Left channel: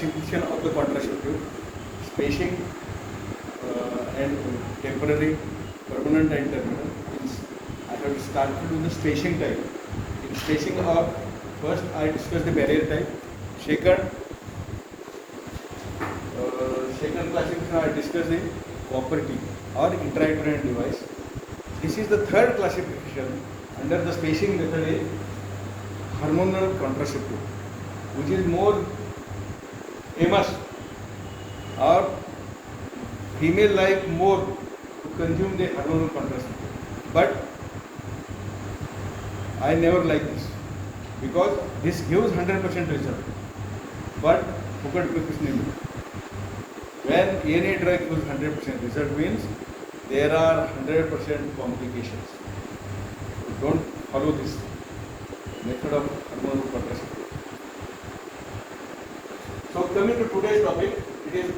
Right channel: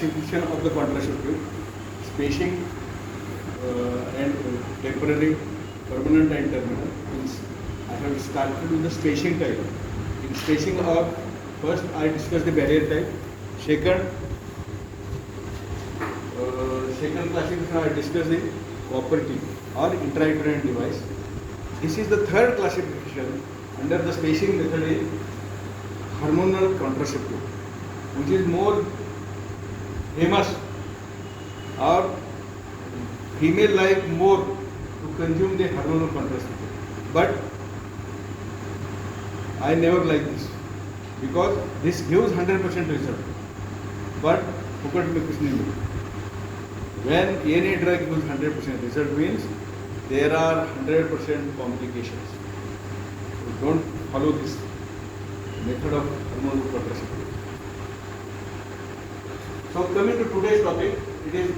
classification of the contraceptive, spacing and temporary, permanent and terminal. I have started with the spacing type. In spacing of, first I discuss the barrier type. Second classification I discuss the cooperative or intrauterine device. This is the third classification under the spacing method is hormonal contraceptive, which is more famous or female like more to consume the hormonal contraceptive. But I never like this because this gives 100% result. But focus में कुछ नहीं मिलता. When any drug gives 100% result means there are 100% complications. So don't follow this method of hormonal contraceptive. So coming to today's topic, it is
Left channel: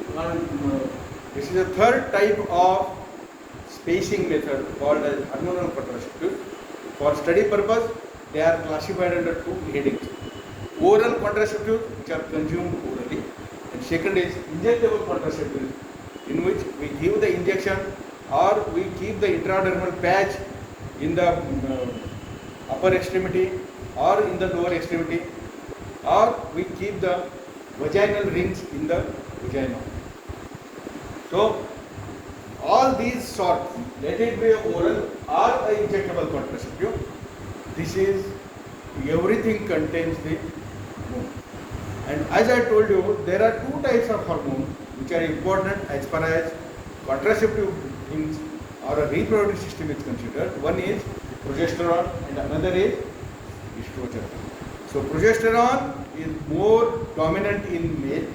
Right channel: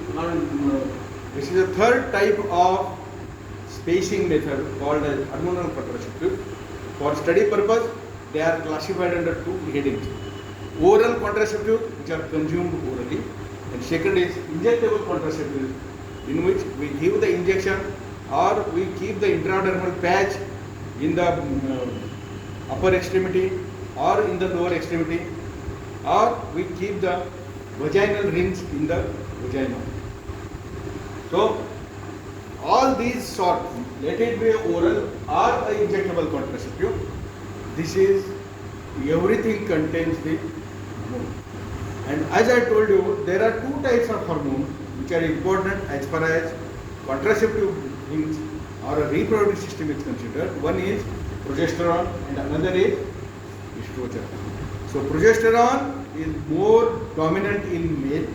this is the third type of spacing method called as hormonal contraceptive. For study purpose, they are classified under two headings: oral contraceptive, which are consumed orally, and second is injectable contraceptive, in which we give the injection or we keep the intradermal patch in the upper extremity or in the lower extremity, or we keep the vaginal rings in the vagina. So all these sorts, let it be oral or a injectable contraceptive, this is everything contains the hormone. And as I told you, there are two types of hormones which are important as far as contraceptive things or a reproductive system is considered. One is progesterone and another is estrogen. So progesterone is more dominant in male,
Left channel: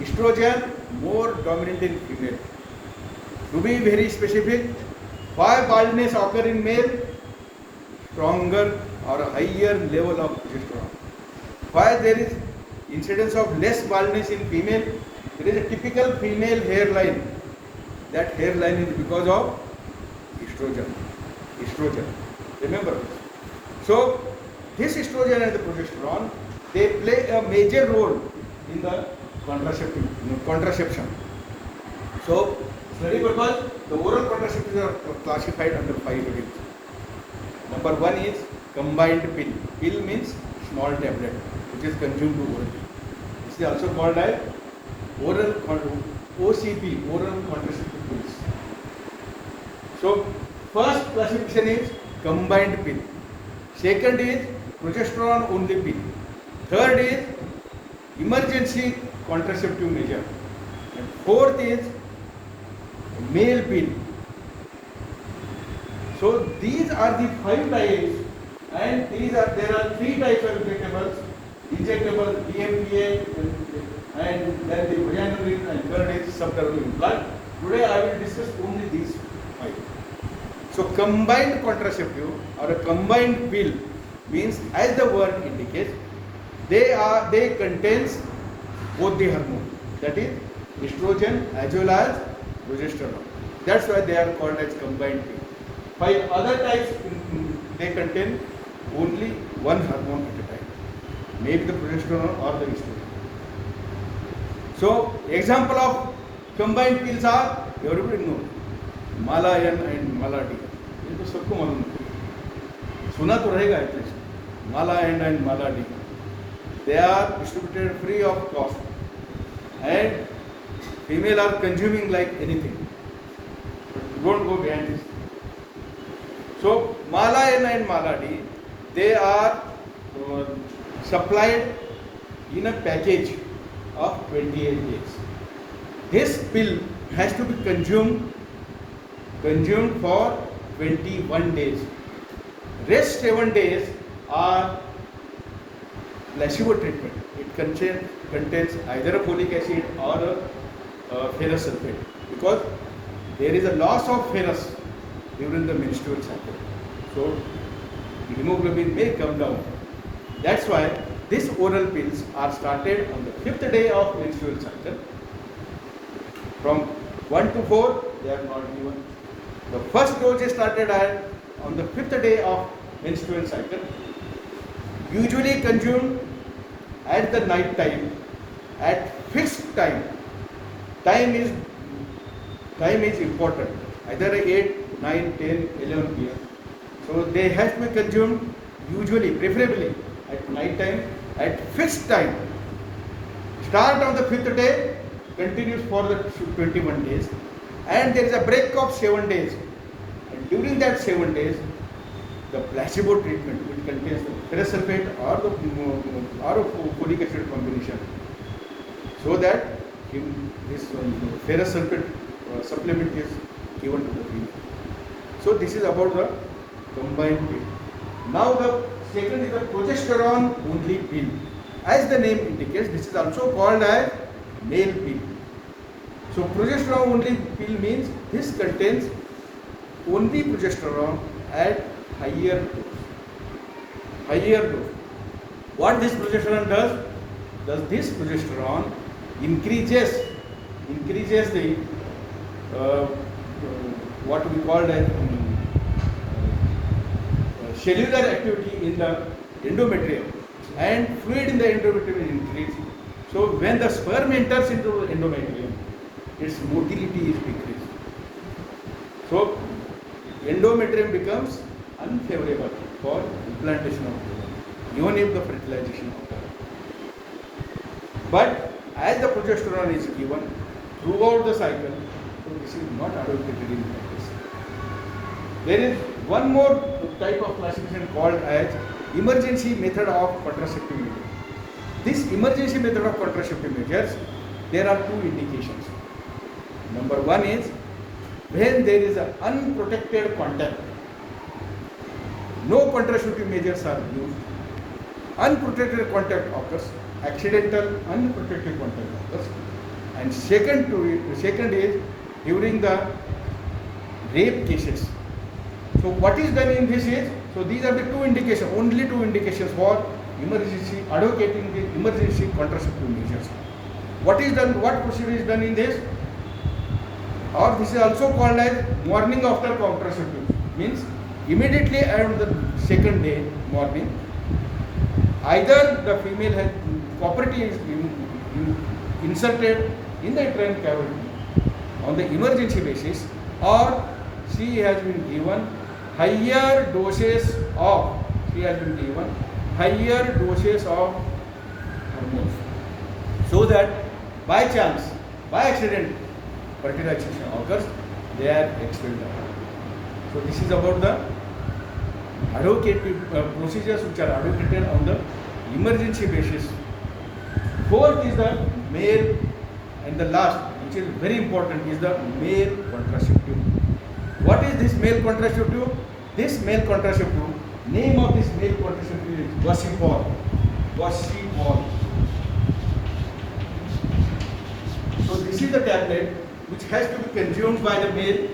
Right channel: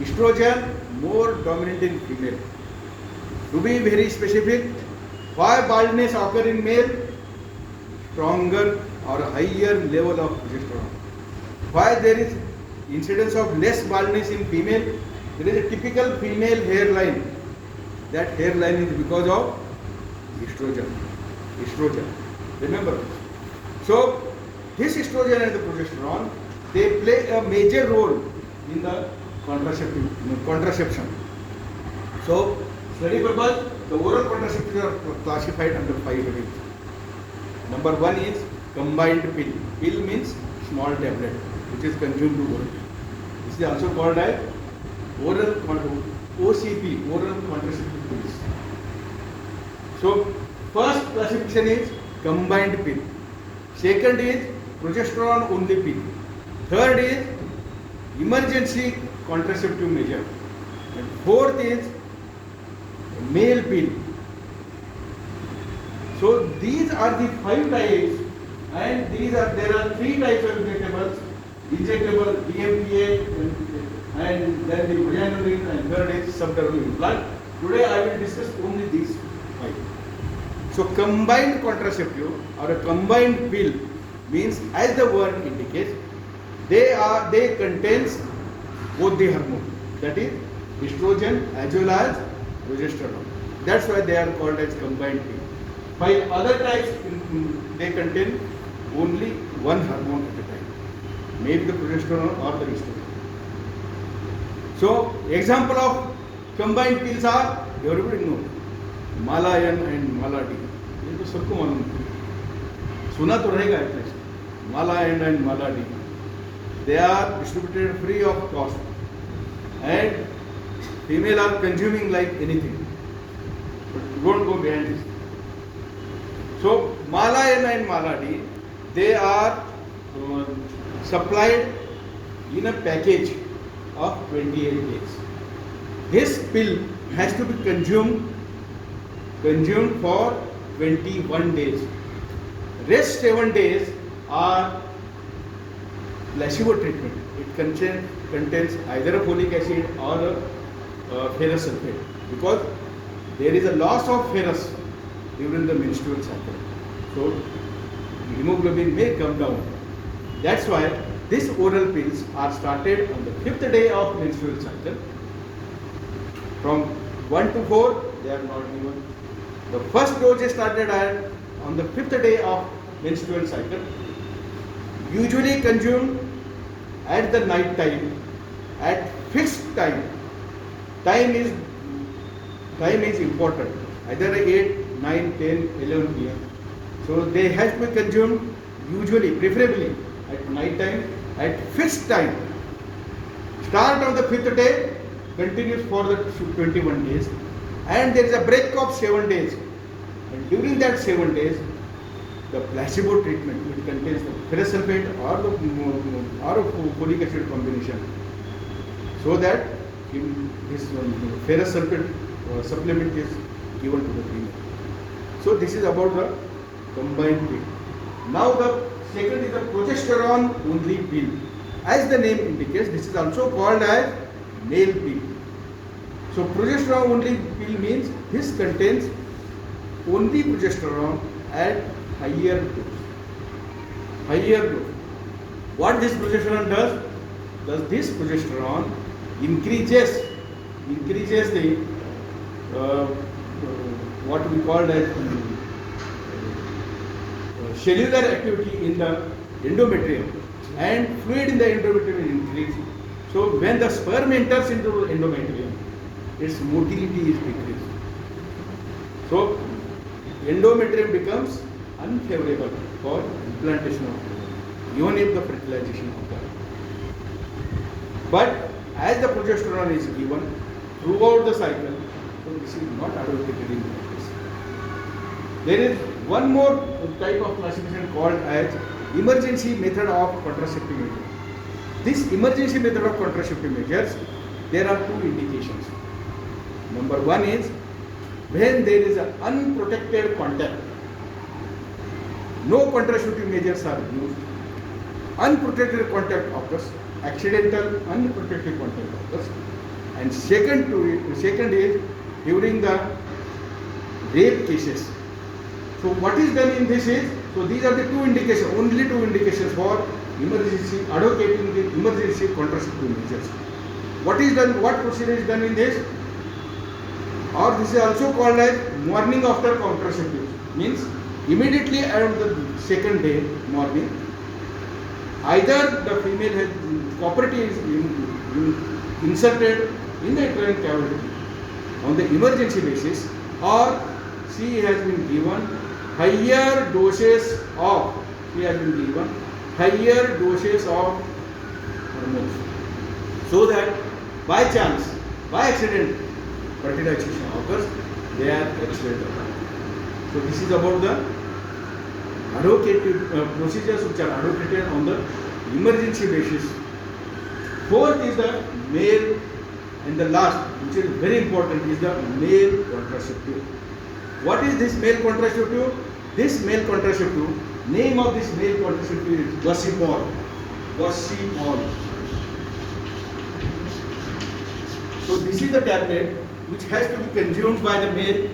estrogen more dominant in female. To be very specific, why baldness occur in male? Stronger or higher level of progesterone. Why there is incidence of less baldness in female? There is a typical female hairline. That hairline is because of estrogen. Remember this. So this estrogen and the progesterone, they play a major role in the contraception. So study purpose, the oral contraceptives are classified under 5 headings. Number 1 is combined pill. Pill means small tablet, which is consumed orally. This is also called as oral OCP, oral contraceptive pills. So first classification is combined pill. Second is progesterone only pill. Third is emergency contraceptive measure. And fourth is male pill. So these are the 5 types, and there are 3 types of injectables: injectable, DMPA, and then the vaginal ring, and third is subdermal implant. Today I will discuss only these 5. So combined contraceptive or a combined pill means, as the word indicates, they contains both the hormone, that is estrogen as well as progesterone. That's why they are called as combined pill. 5 other types, they contain only one hormone at a time, maybe the progesterone or the estrogen. So example of combined pills are, everybody knows, Mala N and Mala D. ये तो सबको मालूम है, सुना तो रहेगा at least. Mala N and Mala D. They are distributed free of cost, and female are consuming like anything. Don't go behind this. So Mala N and Mala D, they are supplied in a package of 28 days. This pill has to be consumed for 21 days. Rest 7 days are placebo treatment. It contains either a folic acid or a ferrous sulfate, because there is a loss of ferrous during the menstrual cycle. So hemoglobin may come down. That's why these oral pills are started on the 5th day of menstrual cycle. From 1 to 4, they are not given. The first dose is started on the 5th day of menstrual cycle. Usually consumed at the night time at fixed time. Time is important. Either 8, 9, 10, 11 p.m. So they have to be consumed usually, preferably at night time at fixed time. Start on the 5th day, continues for the 21 days, and there is a break of 7 days. And during that 7 days, the placebo treatment, which contains the ferrous sulfate or the folic acid combination, so that this ferrous sulfate supplement is given to the patient. So this is about the combined pill. Now the second is the progesterone only pill. As the name indicates, this is also called as male pill. So progesterone only pill means this contains only progesterone at higher dose. What this progesterone does? This progesterone increases the what we call as cellular activity in the endometrium, and fluid in the endometrium is increased. So when the sperm enters into the endometrium, its motility is decreased. So endometrium becomes unfavorable for implantation of even if the fertilization occurs. But as the progesterone is given throughout the cycle, so this is not adulterated in practice. There is one more type of classification called as emergency method of contraceptive measures. This emergency method of contraceptive measures, there are two indications. Number one is when there is an unprotected contact. No contraceptive measures are used. Unprotected contact occurs, accidental unprotected contact occurs, and second is during the rape cases. So what is done in this is, so these are the two indications, only two indications for emergency, advocating the emergency contraceptive measures. What is done, what procedure is done in this? Or this is also called as morning after contraceptive, means immediately on the second day morning, either the female has copper T is inserted in the uterine cavity on the emergency basis, or she has been given higher doses of hormones, so that by chance, by accident, fertilization occurs, they are expelled. So this is about the advocative procedures which are advocated on the emergency basis. Fourth is the male, and the last, which is very important, is the male contraceptive. What is this male contraceptive? This male contraceptive, name of this male contraceptive is Vasipol. So this is the tablet which has to be consumed by the male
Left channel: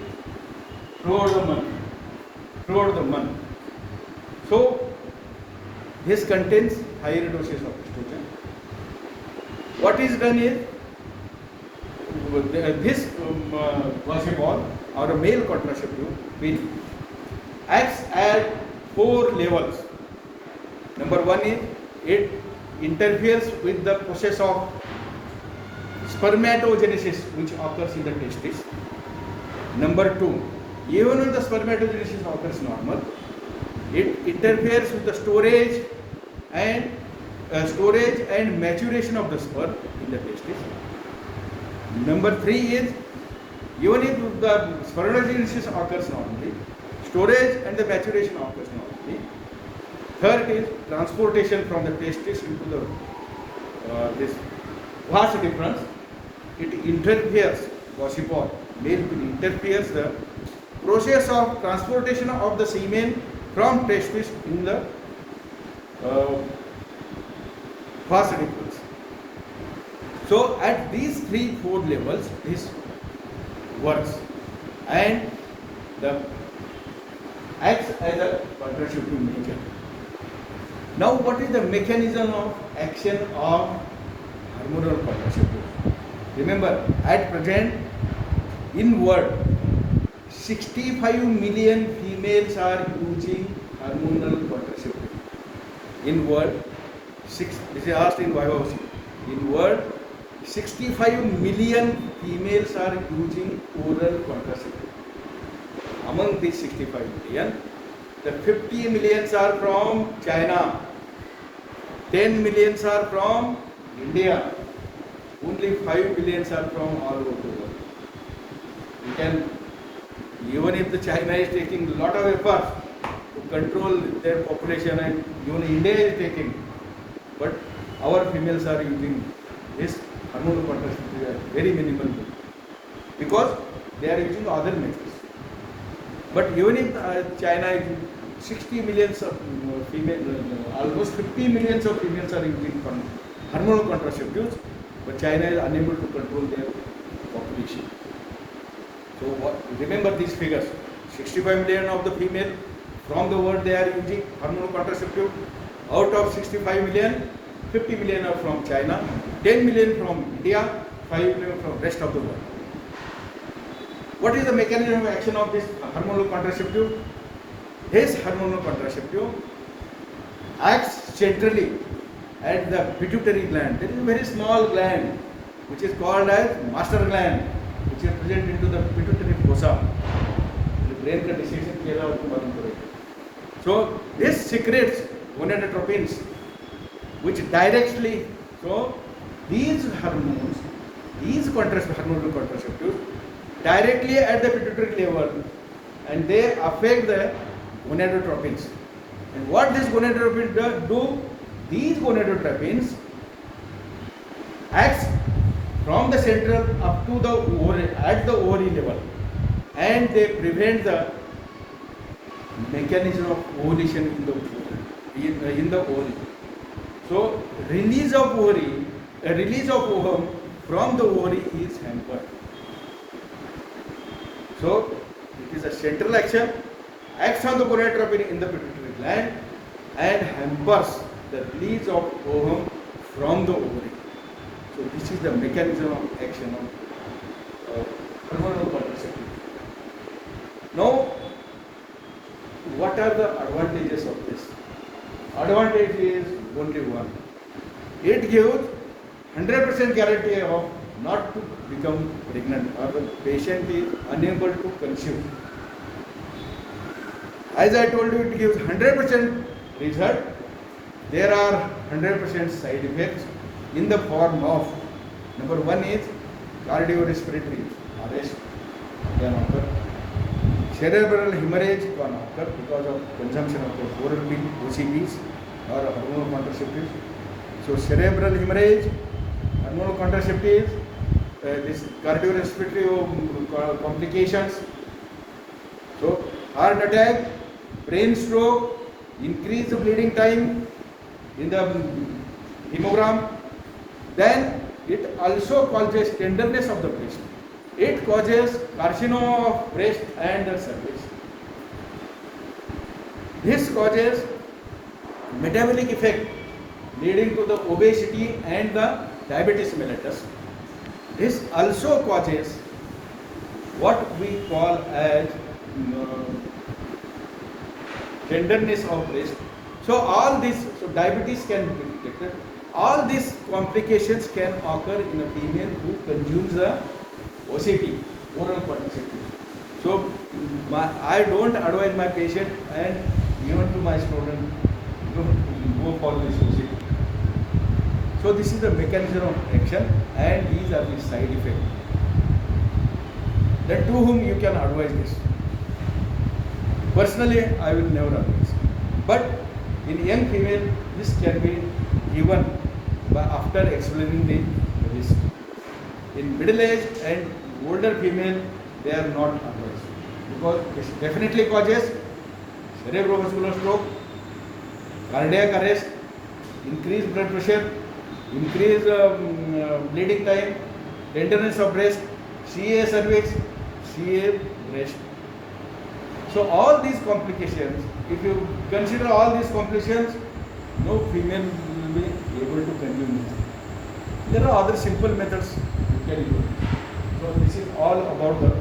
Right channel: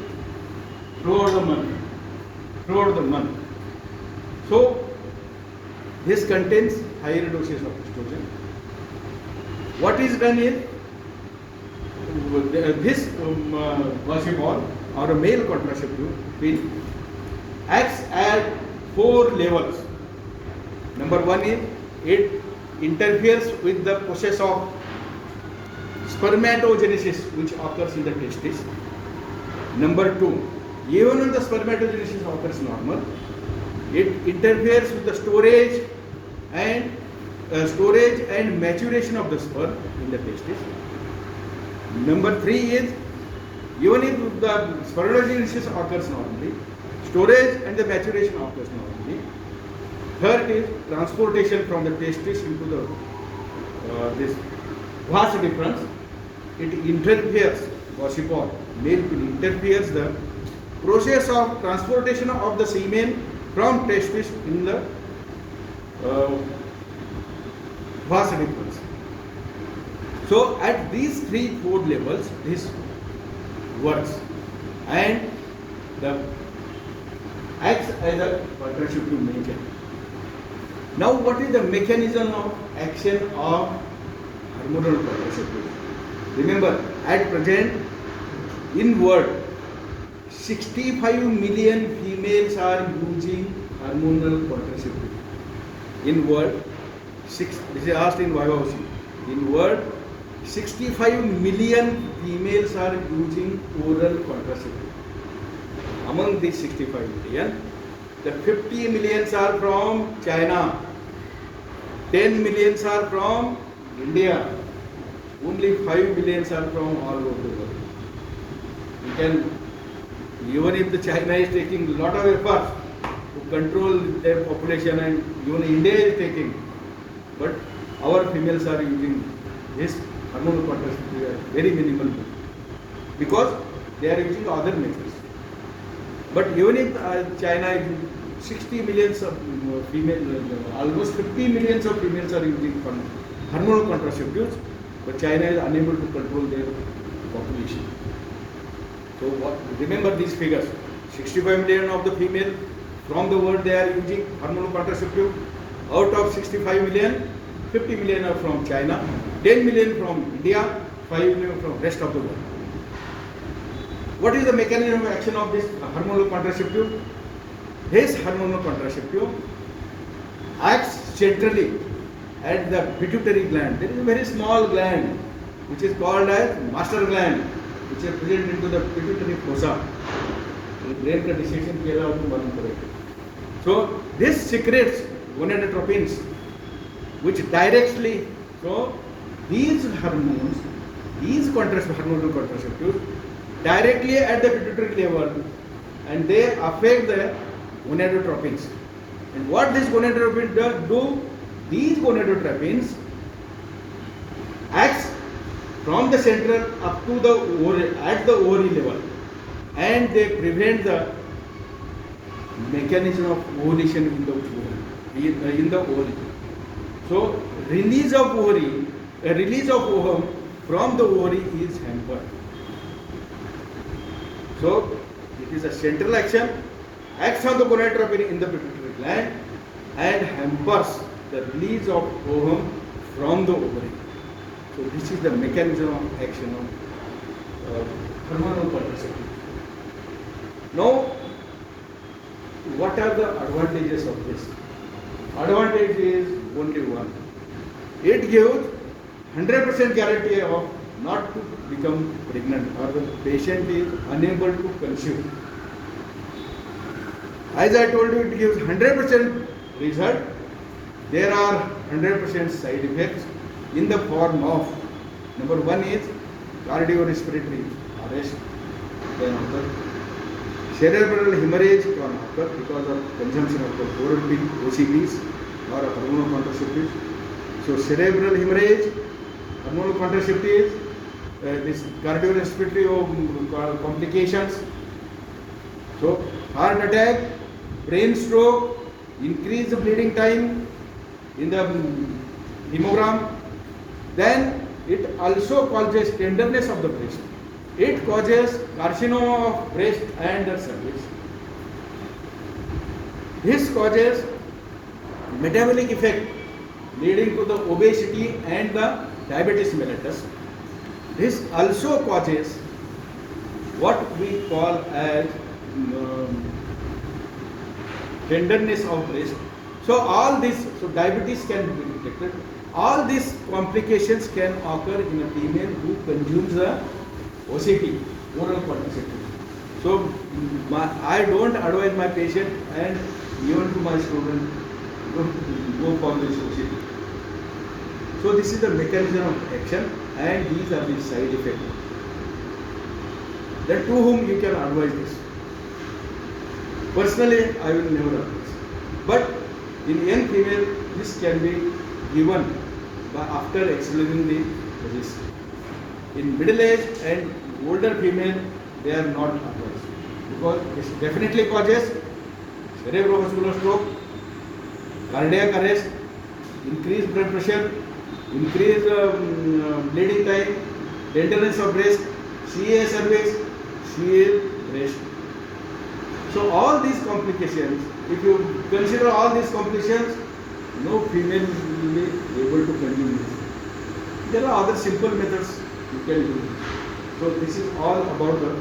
throughout the month. So this contains higher doses of estrogen. What is done is this Vasipol or a male contraceptive pill acts at 4 levels. Number one is it interferes with the process of spermatogenesis which occurs in the testis. Number two, even when the spermatogenesis occurs normal, it interferes with the storage and maturation of the sperm in the testis. Number three is, even if the spermatogenesis occurs normally, storage and the maturation occurs normally. Third is transportation from the testis into the this vas deferens. It interferes, Vasipol, male pill interferes the process of transportation of the semen from testis in the vas deferens. So at these 3-4 levels this works, and the acts as a contraceptive measure. Now what is the mechanism of action of hormonal contraceptive? Remember, at present in world 65 million females are using hormonal contraceptive. In world, this is asked in YOC. In world, 65 million females are using oral contraceptive. Among these 65 million, the 50 millions are from China, 10 millions are from India, only 5 millions are from all over the world. We can, even if the China is taking a lot of effort to control their population, and even India is taking, but our females are using this hormonal contraceptive at very minimal because they are using other methods. But even if China is 60 millions of females, almost 50 millions of females are using hormonal contraceptives, but China is unable to control their population. So remember these figures: 65 million of the female from the world they are using hormonal contraceptive. Out of 65 million, 50 million are from China, 10 million from India, 5 million from rest of the world. What is the mechanism of action of this hormonal contraceptive? This hormonal contraceptive acts centrally at the pituitary gland. There is a very small gland which is called as master gland, which is present into the pituitary fossa. The brain का decision किया जाता है उसको मालूम करेंगे. So this secretes gonadotropins, which directly, so these hormones, these hormonal contraceptives, directly at the pituitary level, and they affect the gonadotropins. And what these gonadotropins do? These gonadotropins acts from the central up to the ovary, at the ovary level, and they prevent the mechanism of ovulation in the ovary. So release of ovum from the ovary is hampered. So it is a central action, acts on the gonadotropin in the pituitary gland and hampers the release of ovum from the ovary. So this is the mechanism of action of hormonal contraceptive. Now, what are the advantages of this? Advantage is only one. It gives 100% guarantee of not to become pregnant, or the patient is unable to conceive. As I told you, it gives 100% result. There are 100% side effects in the form of, number one is cardiorespiratory arrest can occur, cerebral hemorrhage can occur because of consumption of the oral pill, OCPs or hormonal contraceptives. So cerebral hemorrhage, hormonal contraceptives, this cardiorespiratory complications. So heart attack, brain stroke, increase the bleeding time in the hemogram. Then it also causes tenderness of the breast. It causes carcinoma of breast and the cervix. This causes metabolic effect leading to the obesity and the diabetes mellitus. This also causes what we call as tenderness of breast. So all this, so diabetes can be detected. All these complications can occur in a female who consumes the OCT, oral contraceptive. So I don't advise my patient and even to my student go for this OCT. So this is the mechanism of action and these are the side effects. Then to whom you can advise this? Personally, I will never advise. But in young female, this can be given after explaining the risk. In middle age and older female, they are not advised because it definitely causes cerebrovascular stroke, cardiac arrest, increased blood pressure, increased bleeding time, tenderness of breast, CA cervix, CA breast. So all these complications, if you consider all these complications, no female will be able to consume this. There are other simple methods you can use. So this is all about the